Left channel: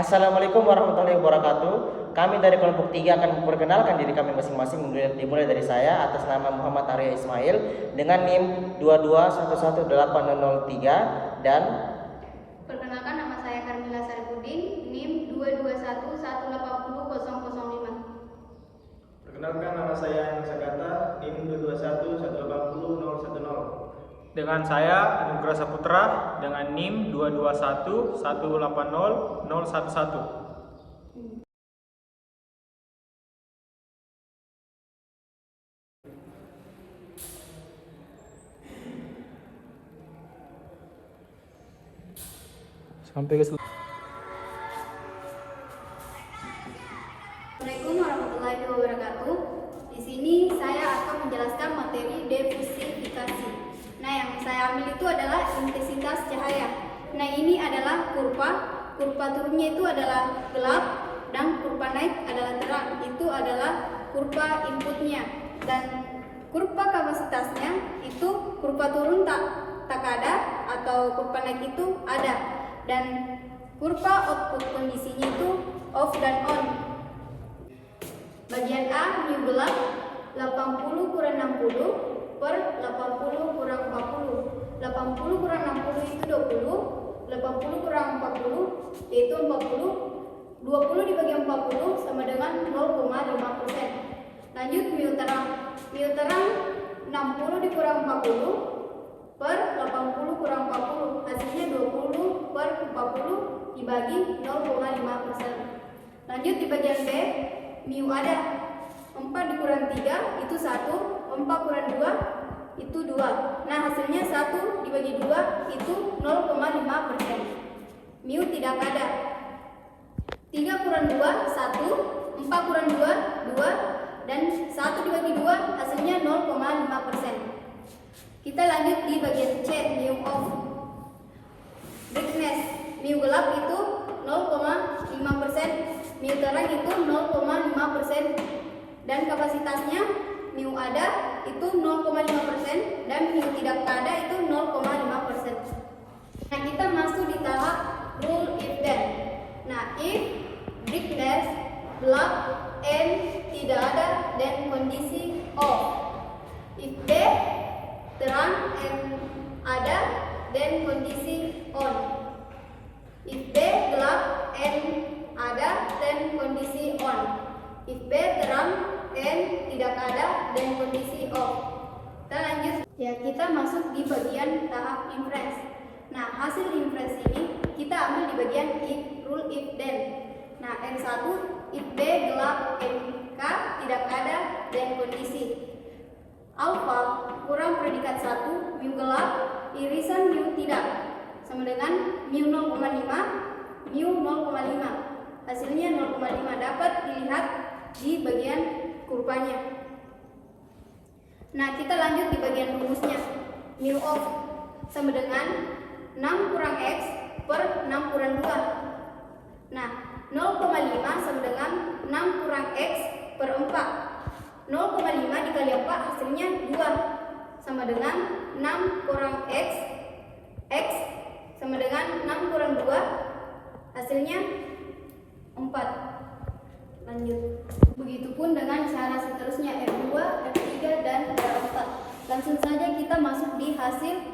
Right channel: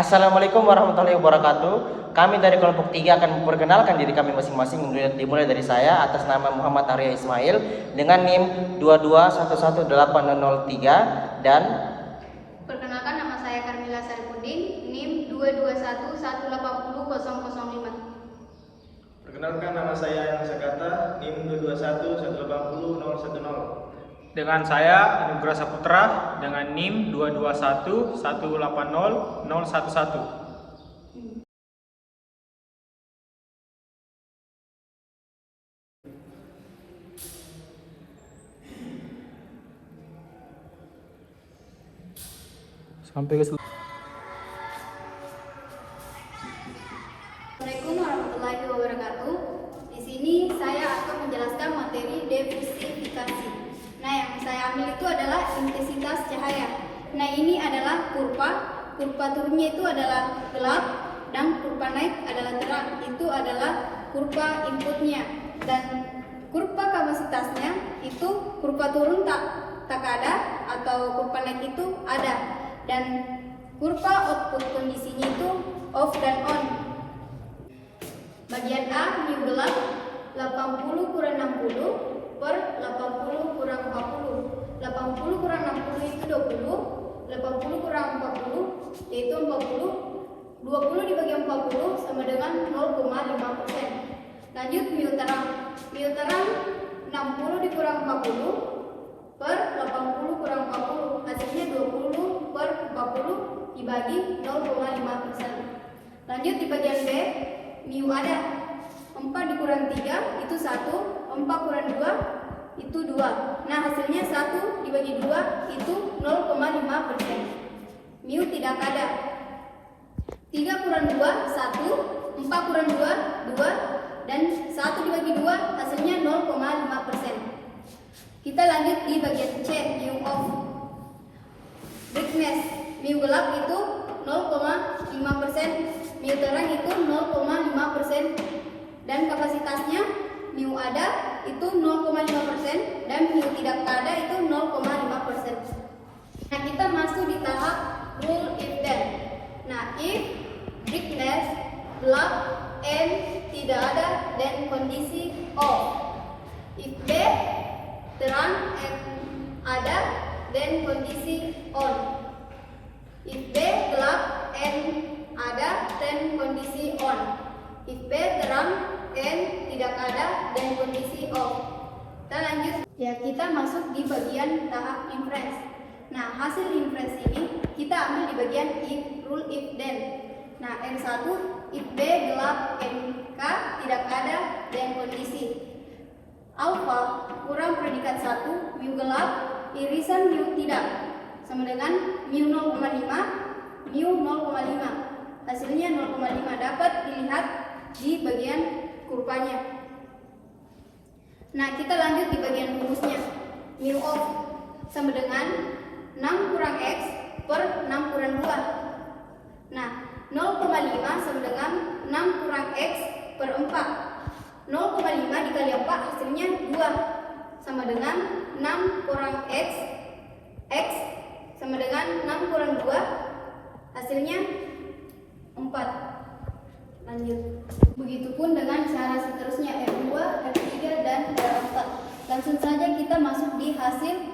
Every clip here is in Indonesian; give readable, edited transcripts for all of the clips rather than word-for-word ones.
Assalamualaikum warahmatullahi wabarakatuh. Kami dari kelompok 3 akan memperkenalkan diri kami masing-masing, dimulai dari saya atas nama Muhammad Arya Ismail dengan NIM 2211803 dan Perkenalkan, nama saya Karmila Saripudin, NIM 221180005. Perkenalkan, nama saya Yang Sagata, NIM 221180010. Dengan saya Anugrah Saputra dengan NIM 221180011. Sampai ke Assalamualaikum warahmatullahi wabarakatuh. Di sini saya akan menjelaskan materi diversifikasi. Nah, yang saya ambil itu adalah intensitas cahaya. Nah, ini adalah kurva. Kurva turunnya itu adalah gelap dan kurva naik adalah terang. Itu adalah kurva inputnya. Dan kurva kapasitasnya itu kurva turun tak ada atau kurva naik itu ada. Dan kurva output kondisinya itu off dan on. Bagian A, mu gelap 80 kurang 60 per 80 kurang 40. 80 kurang 60 itu 20, 80 kurang 40 yaitu 40. 20 dibagi 40 sama dengan 0,5%. Lanjut mu terang. Mu terang 60 dikurang 40 per 80 kurang 40, hasilnya 20 per 40 dibagi 0,5%. Lanjut di bagian B, mu ada 4 dikurang 3 itu 1, 4 kurang 2 itu 2. Nah, hasilnya 1 dibagi 2 itu 0,5%. Mu tidak ada. 3 kurang 2 1, 4 kurang 2 2, dan 1 dibagi 2 hasilnya 0,5%. Kita lanjut di bagian C, mu off. Brightness, mu gelap itu 0,5%, mu terang itu 0,5%, dan kapasitasnya mu ada itu 0,5% dan mu tidak ada itu 0,5%. Nah, kita masuk di tahap rule if then. Nah, if brightness gelap and tidak ada dan kondisi off. If B terang and ada dan kondisi on. If B gelap and ada dan kondisi on. If B terang and tidak ada dan kondisi off. Kita lanjut ya, kita masuk di bagian tahap inference. Nah, hasil inference ini kita ambil di bagian if rule if then. Nah, N1 if B gelap and K tidak ada dan kondisi. Alpha kurang predikat 1 mu gelap irisan mu tidak sama dengan mu 0,5 mu 0,5, hasilnya 0,5 dapat dilihat di bagian kurvanya. Nah, kita lanjut di bagian rumusnya. Mu off sama dengan 6 kurang x per 6 kurang 2. Nah, 0,5 sama dengan 6 kurang x per 4. 0,5 dikali 4 hasilnya 2 sama dengan 6 kurang x sama dengan 6 kurang 2 hasilnya 4. Lanjut. Begitupun dengan cara seterusnya F2, F3 dan F4. Langsung saja kita masuk di hasil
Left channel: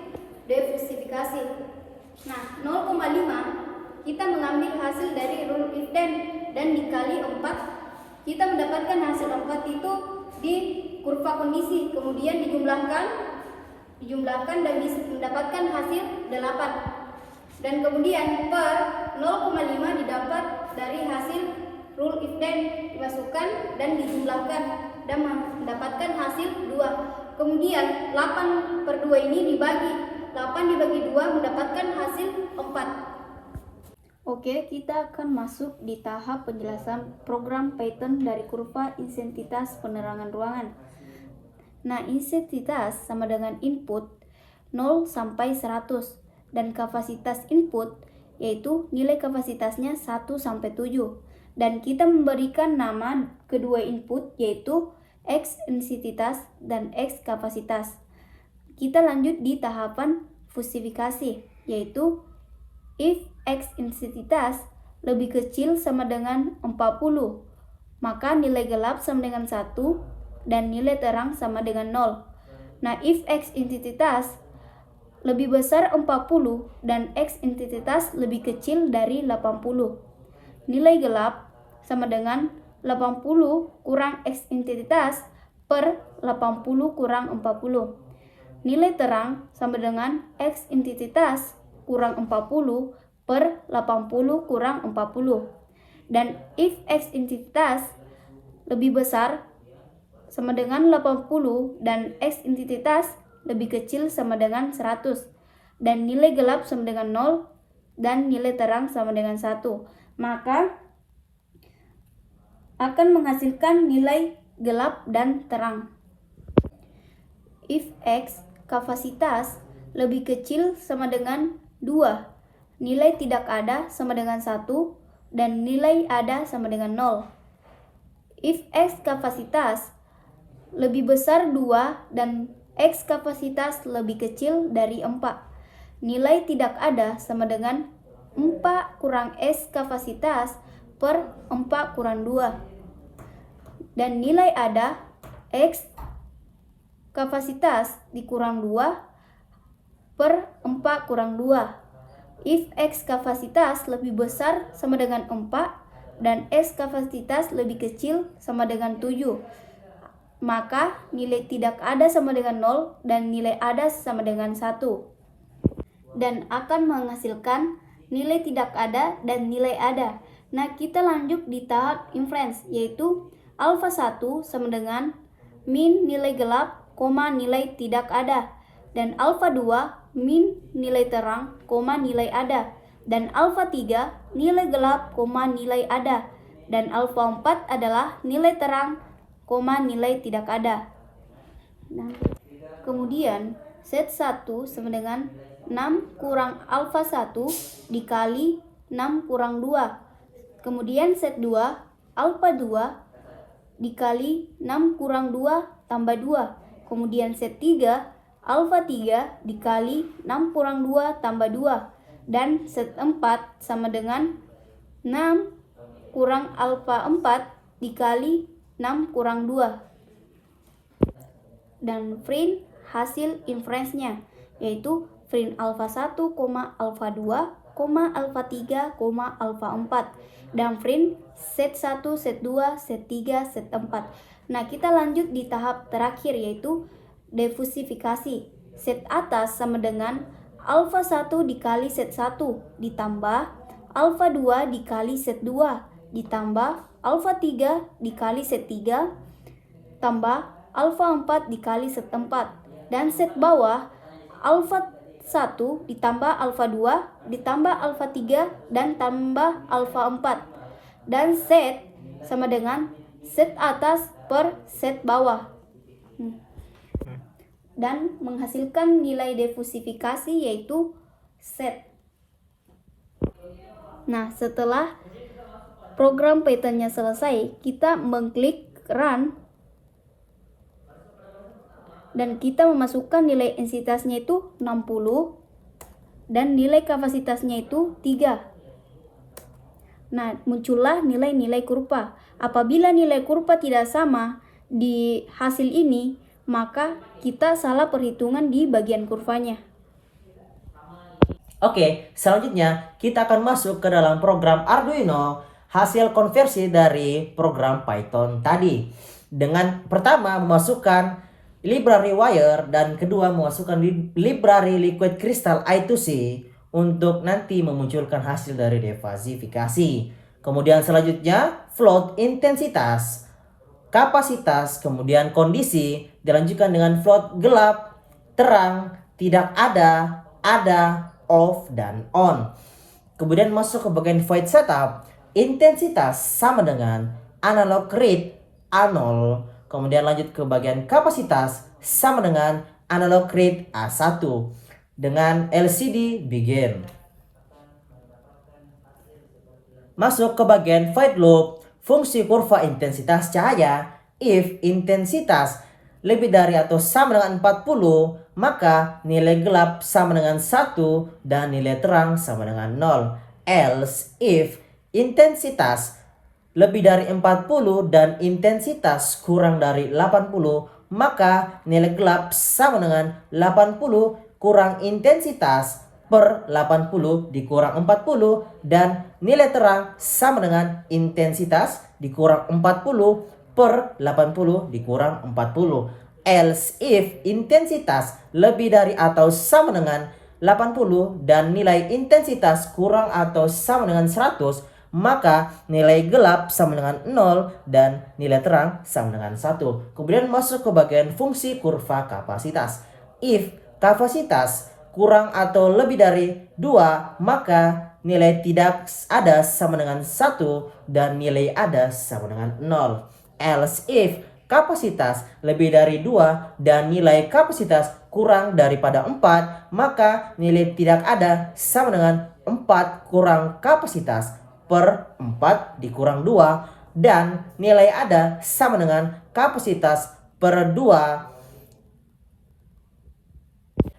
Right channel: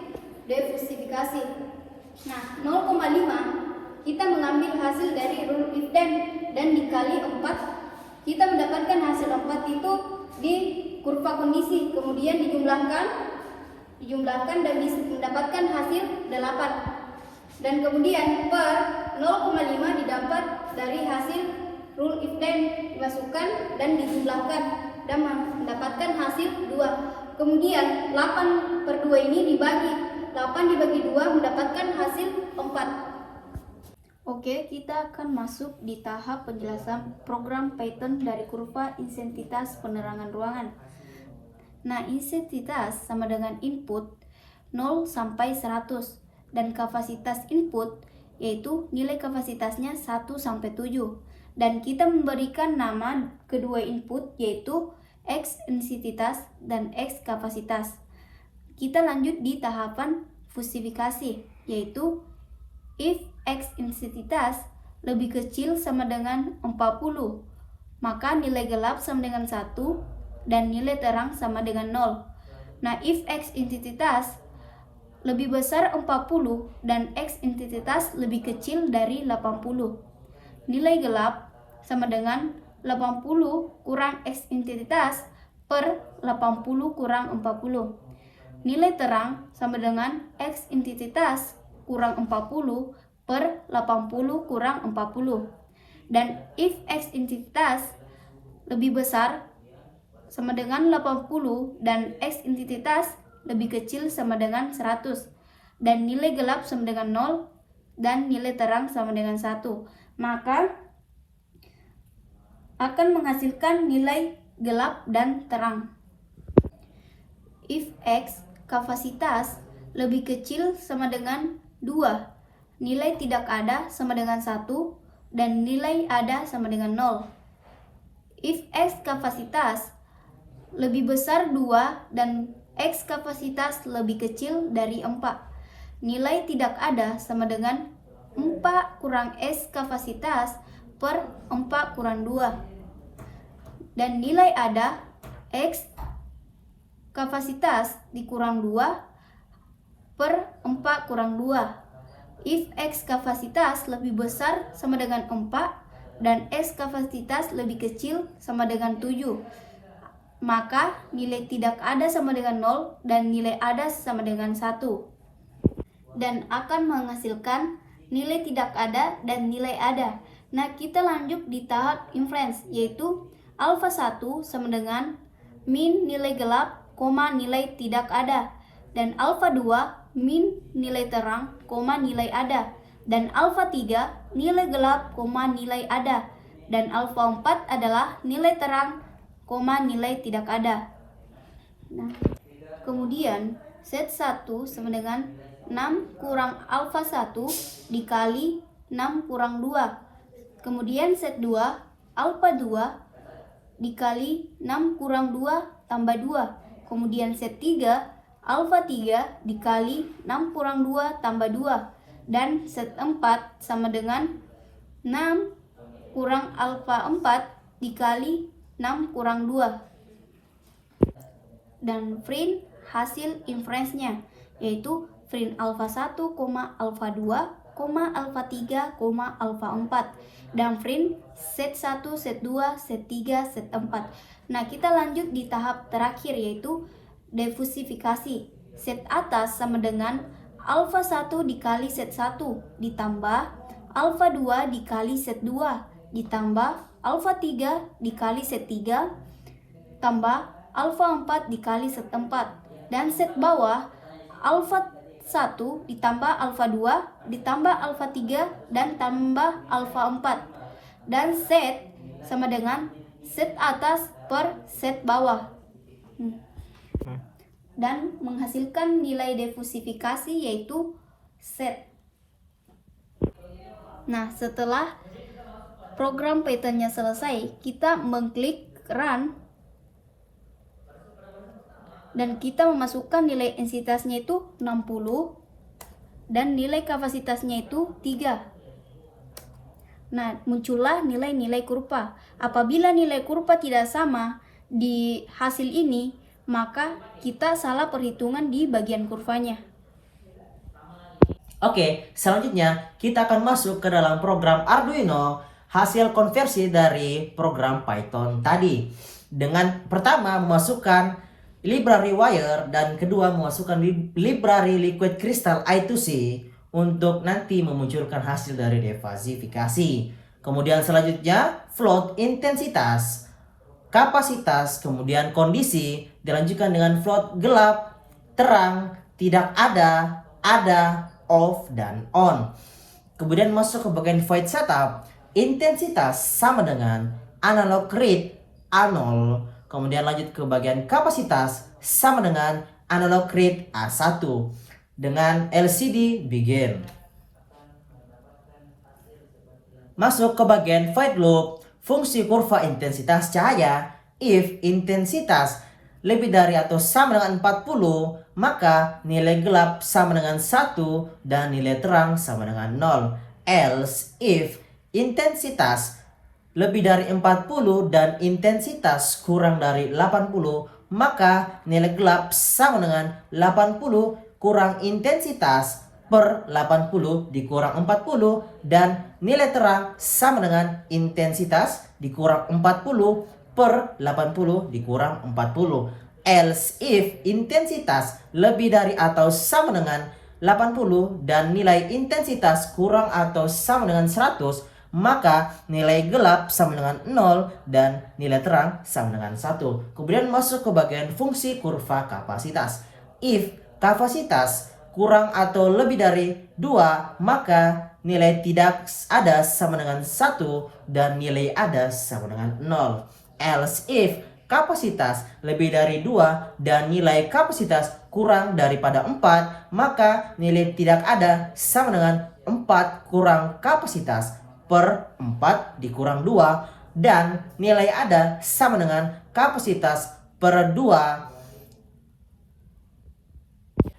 diversifikasi. Nah, 0,5 kita mengambil hasil dari rule if then dan dikali 4, kita mendapatkan hasil 4 itu di kurva kondisi, kemudian dijumlahkan dan mendapatkan hasil 8, dan kemudian per 0,5 didapat dari hasil rule if then dimasukkan dan dijumlahkan dan mendapatkan hasil 2. Kemudian 8 per 2 ini dibagi 8 dibagi 2 mendapatkan hasil 4. Oke, kita akan masuk di tahap penjelasan program Python dari kurva intensitas penerangan ruangan. Nah, intensitas sama dengan input 0 sampai 100 dan kapasitas input yaitu nilai kapasitasnya 1 sampai 7. Dan kita memberikan nama kedua input yaitu X intensitas dan X kapasitas. Kita lanjut di tahapan fusifikasi yaitu if X intensitas lebih kecil sama dengan 40. Maka nilai gelap sama dengan 1 dan nilai terang sama dengan 0. Nah, if X identitas lebih besar 40 dan X identitas lebih kecil dari 80. Nilai gelap sama dengan 80 kurang X identitas per 80 kurang 40. Nilai terang sama dengan X identitas kurang 40 per 80 kurang 40. Dan if X identitas lebih besar sama dengan 80 dan X identitas lebih kecil sama dengan 100. Dan nilai gelap sama dengan 0 dan nilai terang sama dengan 1. Maka akan menghasilkan nilai gelap dan terang. If X kapasitas lebih kecil sama dengan 2, nilai tidak ada sama dengan 1 dan nilai ada sama dengan 0. If X kapasitas lebih besar 2 dan X kapasitas lebih kecil dari 4, nilai tidak ada sama dengan 4 kurang X kapasitas per 4 kurang 2. Dan nilai ada X kapasitas dikurang 2 per 4 kurang 2. If X kapasitas lebih besar sama dengan 4 dan X kapasitas lebih kecil sama dengan 7, maka nilai tidak ada sama dengan 0 dan nilai ada sama dengan 1. Dan akan menghasilkan nilai tidak ada dan nilai ada. Nah, kita lanjut di tahap inference, yaitu alpha 1 sama dengan min nilai gelap, nilai tidak ada. Dan alpha 2 min nilai terang, nilai ada. Dan alpha 3 nilai gelap, nilai ada. Dan alpha 4 adalah nilai terang, nilai tidak ada. Nah, kemudian set 1 sama dengan 6 kurang alpha 1 dikali 6 kurang 2. Kemudian set 2 alpha 2 dikali 6 kurang 2 tambah 2. Kemudian set 3 alpha 3 dikali 6 kurang 2 tambah 2. Dan set 4 sama dengan 6 kurang alpha 4 dikali 6 kurang 2. Dan print hasil inference-nya, yaitu print alpha 1, alpha 2, alpha 3, alpha 4. Dan print set 1, set 2, set 3, set 4. Nah, kita lanjut di tahap terakhir, yaitu diversifikasi. Set atas sama dengan alpha 1 dikali set 1 ditambah alpha 2 dikali set 2 ditambah alpha 3 dikali set 3 tambah alpha 4 dikali set 4. Dan set bawah alpha 1 ditambah alpha 2 ditambah alpha 3 dan tambah alpha 4. Dan set sama dengan set atas per set bawah. Dan menghasilkan nilai diversifikasi yaitu set. Nah, setelah program Python-nya selesai, kita mengklik run dan kita memasukkan nilai entitasnya itu 60 dan nilai kapasitasnya itu 3. Nah, muncullah nilai-nilai kurva. Apabila nilai kurva tidak sama di hasil ini, maka kita salah perhitungan di bagian kurvanya. Oke, selanjutnya kita akan masuk ke dalam program Arduino, hasil konversi dari program Python tadi. Dengan pertama memasukkan library wire dan kedua memasukkan library liquid crystal I2C untuk nanti memunculkan hasil dari diversifikasi. Kemudian selanjutnya float intensitas, kapasitas, kemudian kondisi, dilanjutkan dengan float gelap, terang, tidak ada, off, dan on. Kemudian masuk ke bagian void setup, intensitas sama dengan analog read A0. Kemudian lanjut ke bagian kapasitas sama dengan analog read A1 dengan LCD begin. Masuk ke bagian void loop, fungsi kurva intensitas cahaya. If intensitas lebih dari atau sama dengan 40, maka nilai gelap sama dengan 1 dan nilai terang sama dengan 0. Else, if intensitas lebih dari 40 dan intensitas kurang dari 80, maka nilai gelap sama dengan 80 kurang intensitas per 80 dikurang 40, dan nilai terang sama dengan intensitas dikurang 40 per 80 dikurang 40. Else if intensitas lebih dari atau sama dengan 80 dan nilai intensitas kurang atau sama dengan 100, maka nilai gelap sama dengan 0 dan nilai terang sama dengan 1. Kemudian masuk ke bagian fungsi kurva kapasitas. If kapasitas kurang atau lebih dari 2, maka nilai tidak ada sama dengan 1 dan nilai ada sama dengan 0. Else if kapasitas lebih dari 2 dan nilai kapasitas kurang daripada 4, maka nilai tidak ada sama dengan 4 kurang kapasitas per 4 dikurang 2, dan nilai ada sama dengan kapasitas per 2,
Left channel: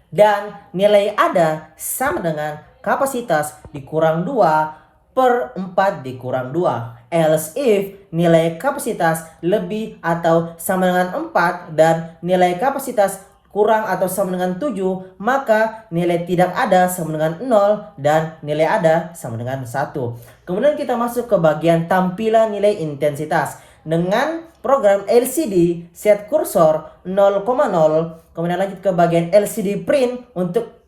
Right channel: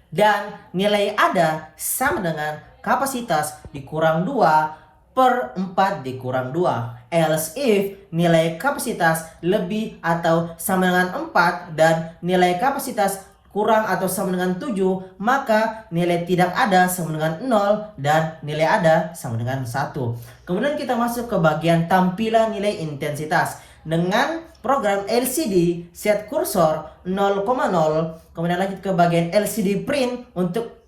dan nilai ada sama dengan kapasitas dikurang 2 per 4 dikurang 2. Else if nilai kapasitas lebih atau sama dengan 4 dan nilai kapasitas kurang atau sama dengan 7, maka nilai tidak ada sama dengan 0 dan nilai ada sama dengan 1. Kemudian kita masuk ke bagian tampilan nilai intensitas. Dengan program LCD set kursor 0,0, kemudian lanjut ke bagian LCD print untuk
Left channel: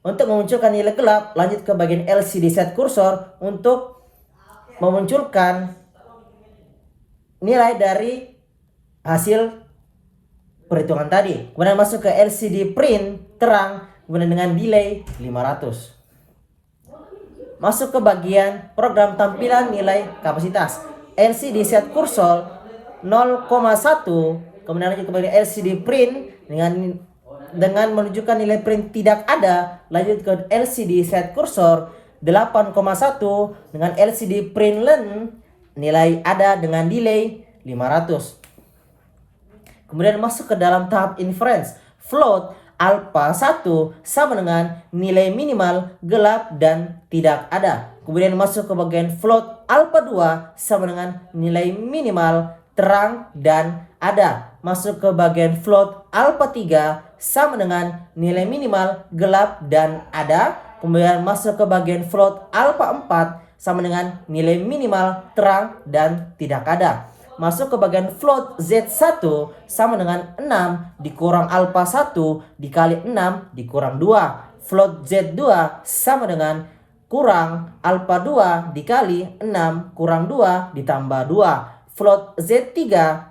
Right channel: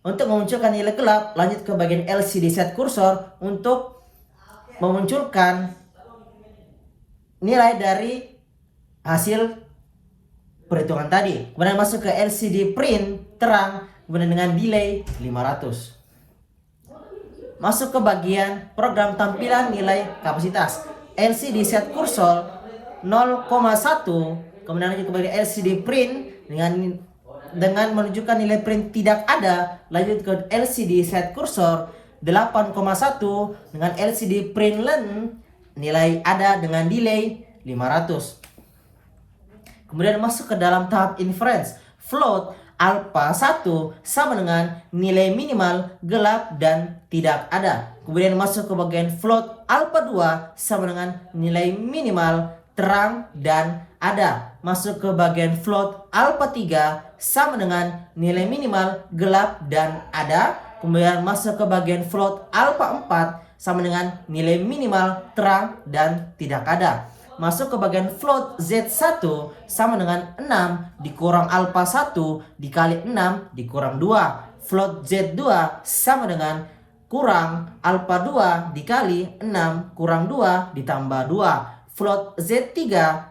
memunculkan nilai gelap, lanjut ke bagian LCD set kursor untuk memunculkan nilai dari hasil perhitungan tadi. Kemudian masuk ke LCD print terang, kemudian dengan delay 500. Masuk ke bagian program tampilan nilai kapasitas. LCD set kursor 0,1, kemudian lanjut ke bagian LCD print dengan menunjukkan nilai print tidak ada, lanjut ke LCD set kursor 8,1 dengan LCD print len nilai ada dengan delay 500. Kemudian masuk ke dalam tahap inference. Float alpha 1 sama dengan nilai minimal gelap dan tidak ada. Kemudian masuk ke bagian float alpha 2 sama dengan nilai minimal terang dan ada. Masuk ke bagian float alpha 3 sama dengan nilai minimal gelap dan ada. Kemudian masuk ke bagian float alpha 4 sama dengan nilai minimal terang dan tidak ada. Masuk ke bagian float Z1 sama dengan 6 dikurang alpha 1 dikali 6 dikurang 2. Float Z2 sama dengan kurang alpha 2 dikali 6 kurang 2 ditambah 2. Float Z3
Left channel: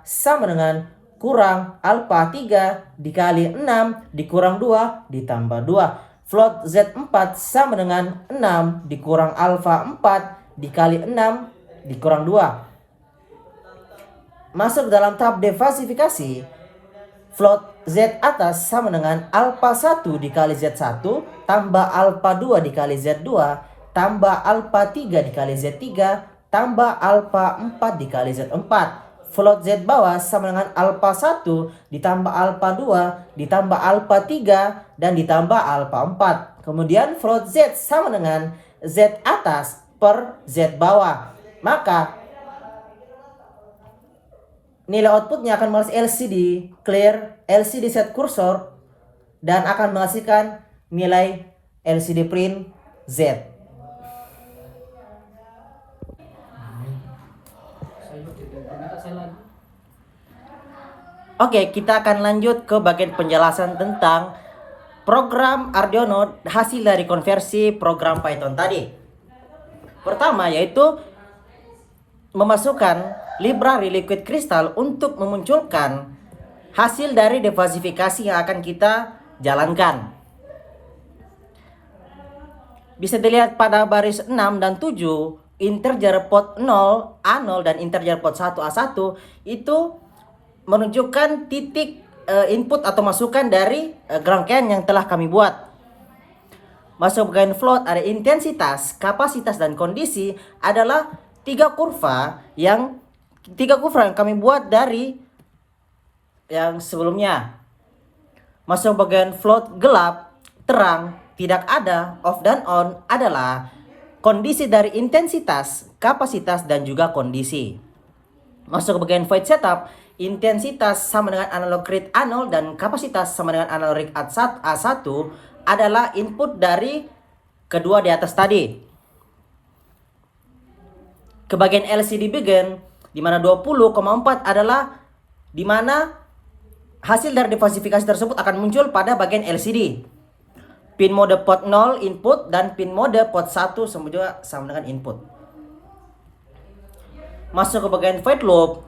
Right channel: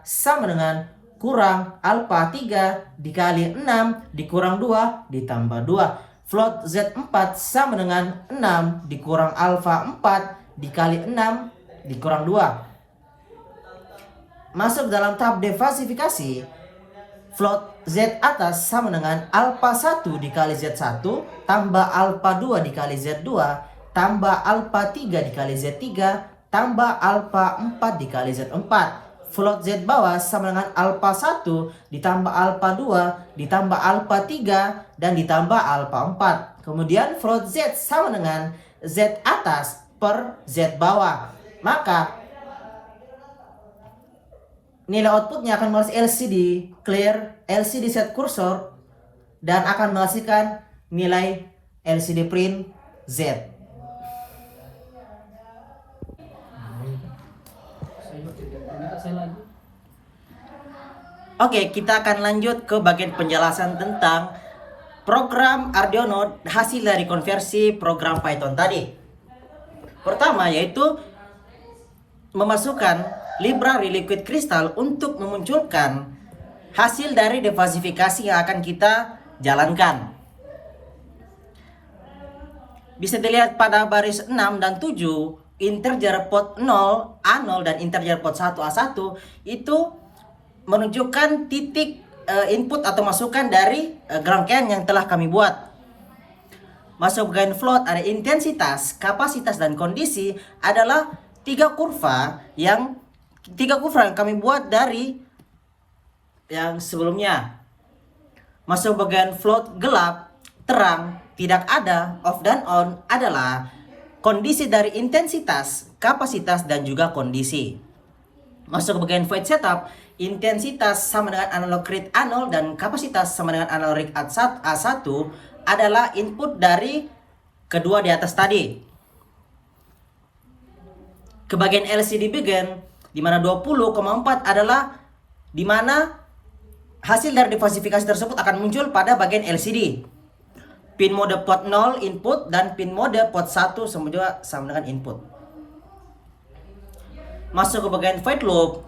sama dengan kurang alpha 3 dikali 6 dikurang 2 ditambah 2. Float Z4 sama dengan 6 dikurang alpha 4 dikali 6 dikurang 2. Masuk dalam tahap defasifikasi. Float Z atas sama dengan alpha 1 dikali Z1 tambah alpha 2 dikali Z2 tambah alpha 3 dikali Z3 tambah alpha 4 dikali Z4. Float Z bawah sama dengan alpha 1 ditambah alpha 2 ditambah alpha 3 dan ditambah alpha 4. Kemudian float Z sama dengan Z atas per Z bawah. Maka nilai outputnya akan menghasilkan LCD clear, LCD set kursor, dan akan menghasilkan nilai LCD print Z. Oke, kita akan lanjut ke bagian penjelasan tentang program Arduino hasil dari konversi program Python tadi. Pertama yaitu memasukkan library liquid crystal untuk memunculkan hasil dari defasifikasi yang akan kita jalankan. Bisa dilihat pada baris 6 dan 7, integer pot 0, A0 dan integer pot 1, A1 itu menunjukkan titik input atau masukan dari rangkaian yang telah kami buat. Masuk bagian float ada intensitas, kapasitas dan kondisi adalah tiga kurva yang kami buat dari yang sebelumnya. Masuk bagian float gelap, terang, tidak ada, off dan on adalah kondisi dari intensitas, kapasitas, dan juga kondisi. Masuk ke bagian void setup, intensitas sama dengan analog rate A0 dan kapasitas sama dengan analog rate A1 adalah input dari kedua di atas tadi. Ke bagian LCD begin, di mana 20,4 adalah di mana hasil dari diversifikasi tersebut akan muncul pada bagian LCD. Pin mode port 0 input dan pin mode port 1 sama dengan input. Masuk ke bagian void loop,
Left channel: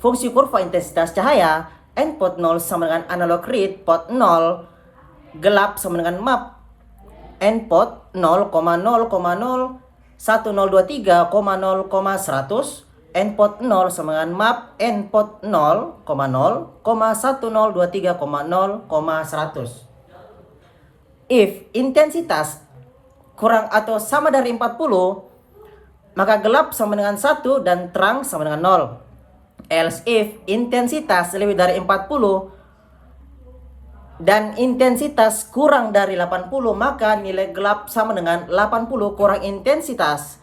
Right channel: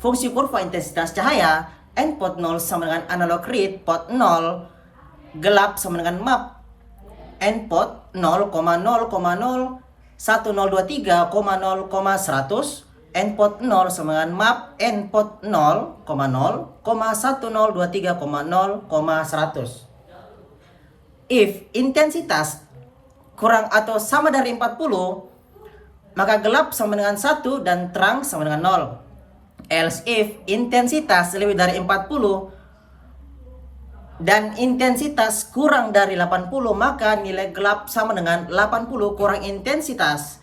fungsi kurva intensitas cahaya, input 0 sama dengan analog read, port 0, gelap sama dengan map, input 0,0,01023,0,100, input 0 sama dengan map, input 0,0,1023,0,100. If intensitas kurang atau sama dari 40, maka gelap sama dengan 1 dan terang sama dengan 0. Else if intensitas lebih dari 40 dan intensitas kurang dari 80, maka nilai gelap sama dengan 80 kurang intensitas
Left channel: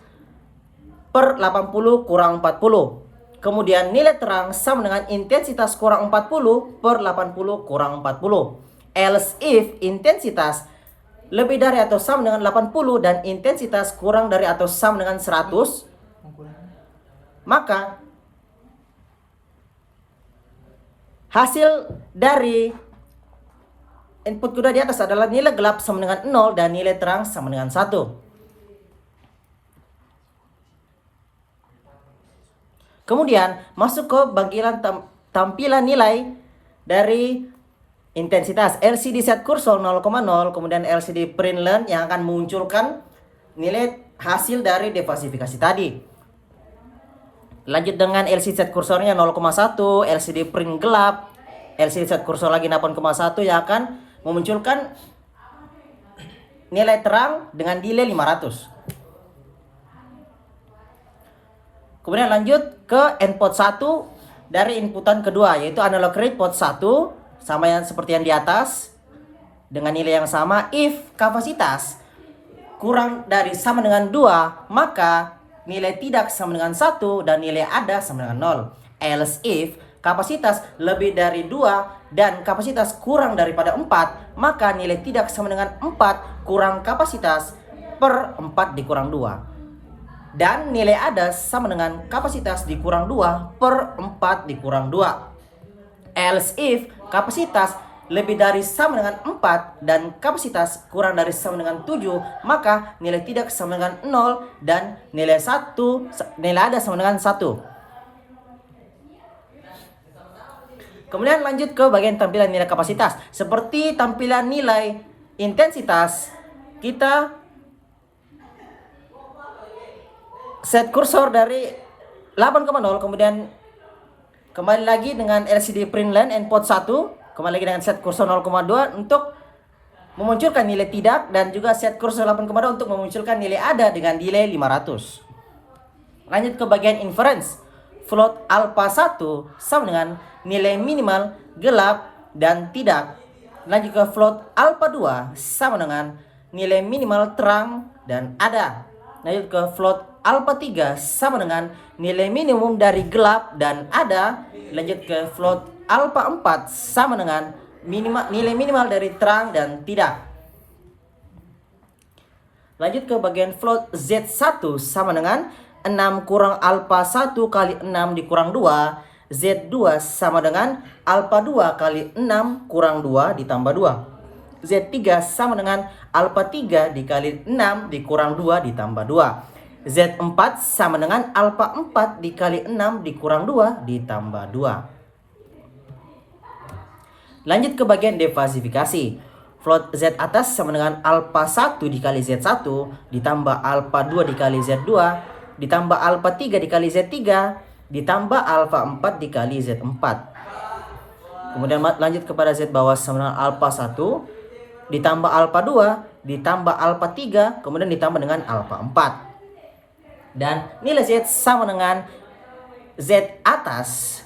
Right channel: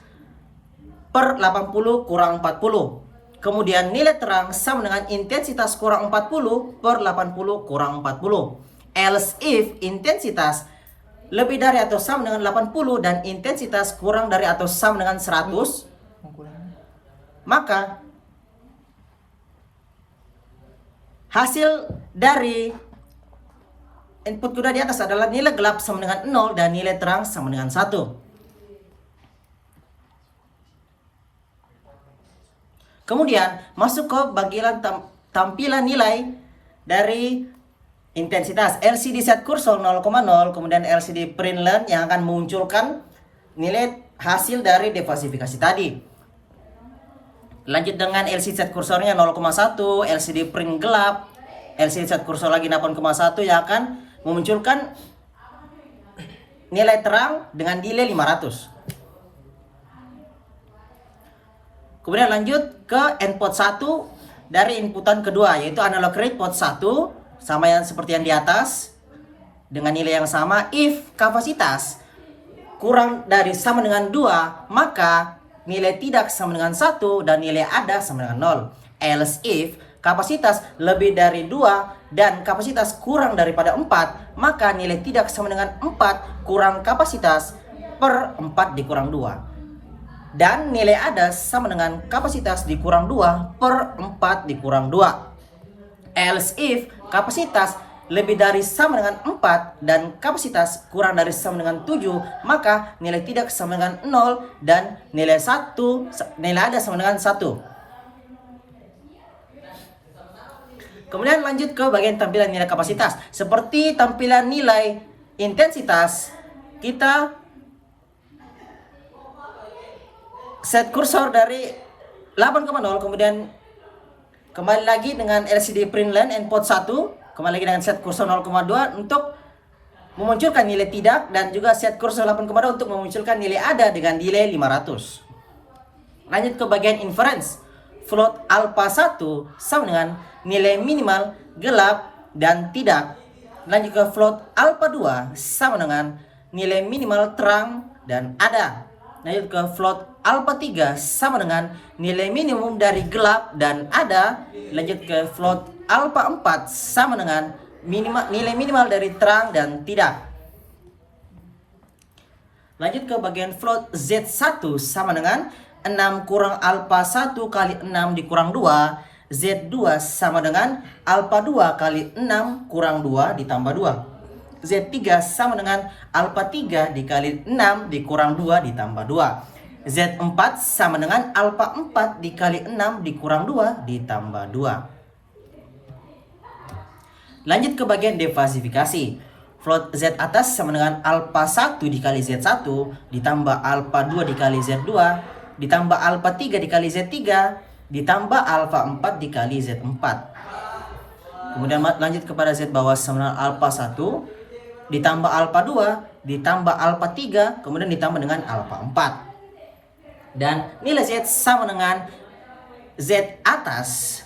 per 80 kurang 40. Kemudian nilai terang sama dengan intensitas kurang 40 per 80 kurang 40. Else if intensitas lebih dari atau sama dengan 80 dan intensitas kurang dari atau sama dengan 100, maka hasil dari input kuda di atas adalah nilai gelap sama dengan 0 dan nilai terang sama dengan 1. Kemudian masuk ke bagian tampilan nilai dari intensitas. LCD set kursor 0,0, kemudian LCD print line yang akan memunculkan nilai hasil dari diversifikasi tadi. Lanjut dengan LCD set kursornya 0,1, LCD print gelap, LCD set kursor lagi 8,1 yang akan memunculkan nilai terang dengan delay 500. Kemudian lanjut ke input 1 dari inputan kedua, yaitu analog rate port 1 sama yang seperti yang di atas dengan nilai yang sama. If kapasitas kurang dari sama dengan 2, maka nilai tidak sama dengan 1 dan nilai ada sama dengan 0. Else if kapasitas lebih dari 2 dan kapasitas kurang daripada 4, maka nilai tidak sama dengan 4 kurang kapasitas per 4 dikurang 2. Dan nilai ada sama dengan kapasitas dikurang 2 per 4 dikurang 2. Else if kapasitas lebih dari sama dengan 4 dan kapasitas kurang dari sama dengan 7, maka nilai tidak sama dengan 0 dan nilai ada sama dengan 1. Kemudian lanjut ke bagian tampilan nilai kapasitas. Seperti tampilan nilai intensitas, kita set kursor dari 8,0, kemudian kembali lagi dengan LCD print line input 1, kembali lagi dengan set kursor 0,2 untuk memunculkan nilai tidak, dan juga set kursor 8,2 untuk memunculkan nilai ada dengan delay 500. Lanjut ke bagian inference. Float alpha 1 sama dengan nilai minimal, gelap, dan tidak. Lanjut ke float alpha 2 sama dengan nilai minimal, terang, dan ada. Lanjut ke float alpha 3 sama dengan nilai minimum dari gelap dan ada. Lanjut ke float alpha 4 sama dengan nilai minimal dari terang dan tidak. Lanjut ke bagian float Z1 sama dengan 6 kurang alpha 1 kali 6 dikurang 2. Z2 sama dengan alpha 2 kali 6 kurang 2 ditambah 2. Z3 sama dengan alpha 3 dikali 6 dikurang 2 ditambah 2. Z4 sama dengan alpha 4 dikali 6 dikurang 2 ditambah 2. Lanjut ke bagian defasifikasi. Float Z atas sama dengan alpha 1 dikali Z1 ditambah alpha 2 dikali Z2 ditambah alpha 3 dikali Z3 ditambah alpha 4 dikali Z4. Kemudian lanjut kepada Z bawah sama dengan alpha 1 ditambah alpha 2 ditambah alpha 3 kemudian ditambah dengan alpha 4. Dan nilai Z sama dengan Z atas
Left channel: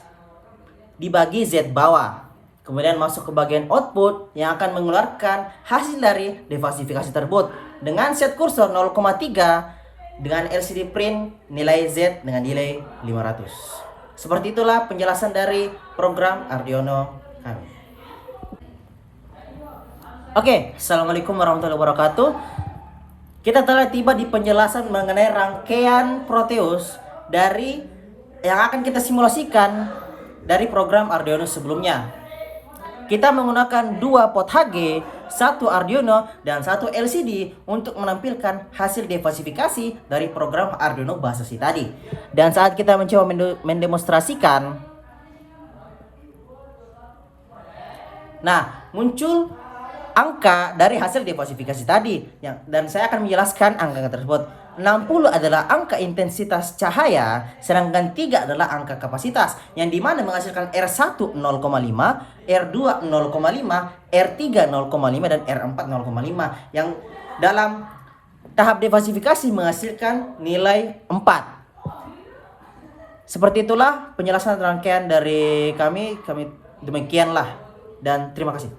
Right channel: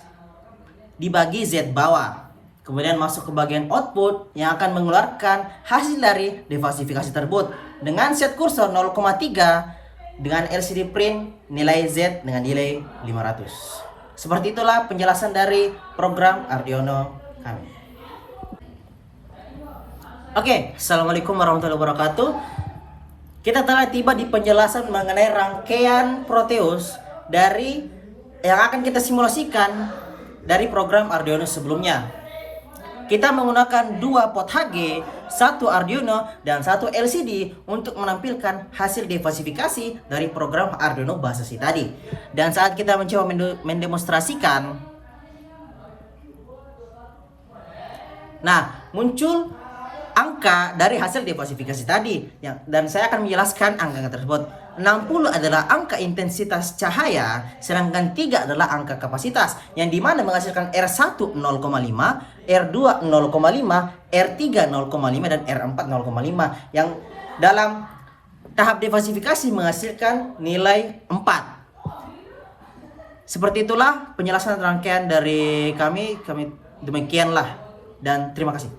dibagi Z bawah. Kemudian masuk ke bagian output yang akan mengeluarkan hasil dari defasifikasi tersebut. Dengan set kursor 0,3 dengan LCD print nilai Z dengan nilai 500. Seperti itulah penjelasan dari program Arduino kami. Oke, Assalamualaikum warahmatullahi wabarakatuh. Kita telah tiba di penjelasan mengenai rangkaian Proteus dari yang akan kita simulasikan dari program Arduino sebelumnya. Kita menggunakan 2 pot HG, 1 Arduino, dan 1 LCD untuk menampilkan hasil defasifikasi dari program Arduino Basasi tadi. Dan saat kita mencoba mendemonstrasikan, nah, muncul angka dari hasil defasifikasi tadi. Dan saya akan menjelaskan angka tersebut. 60 adalah angka intensitas cahaya, sedangkan 3 adalah angka kapasitas, yang dimana menghasilkan R1 0,5, R2 0,5, R3 0,5, dan R4 0,5, yang dalam tahap defasifikasi menghasilkan nilai 4. Seperti itulah penjelasan rangkaian dari kami demikianlah, dan terima kasih.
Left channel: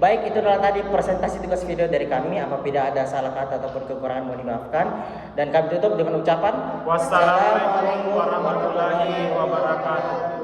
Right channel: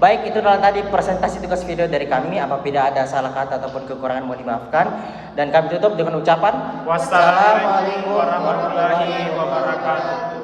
Baik, itu adalah tadi presentasi tugas video dari kami. Apabila ada salah kata ataupun kekurangan mohon dimaafkan. Dan kami tutup dengan ucapan Wassalamualaikum warahmatullahi wabarakatuh.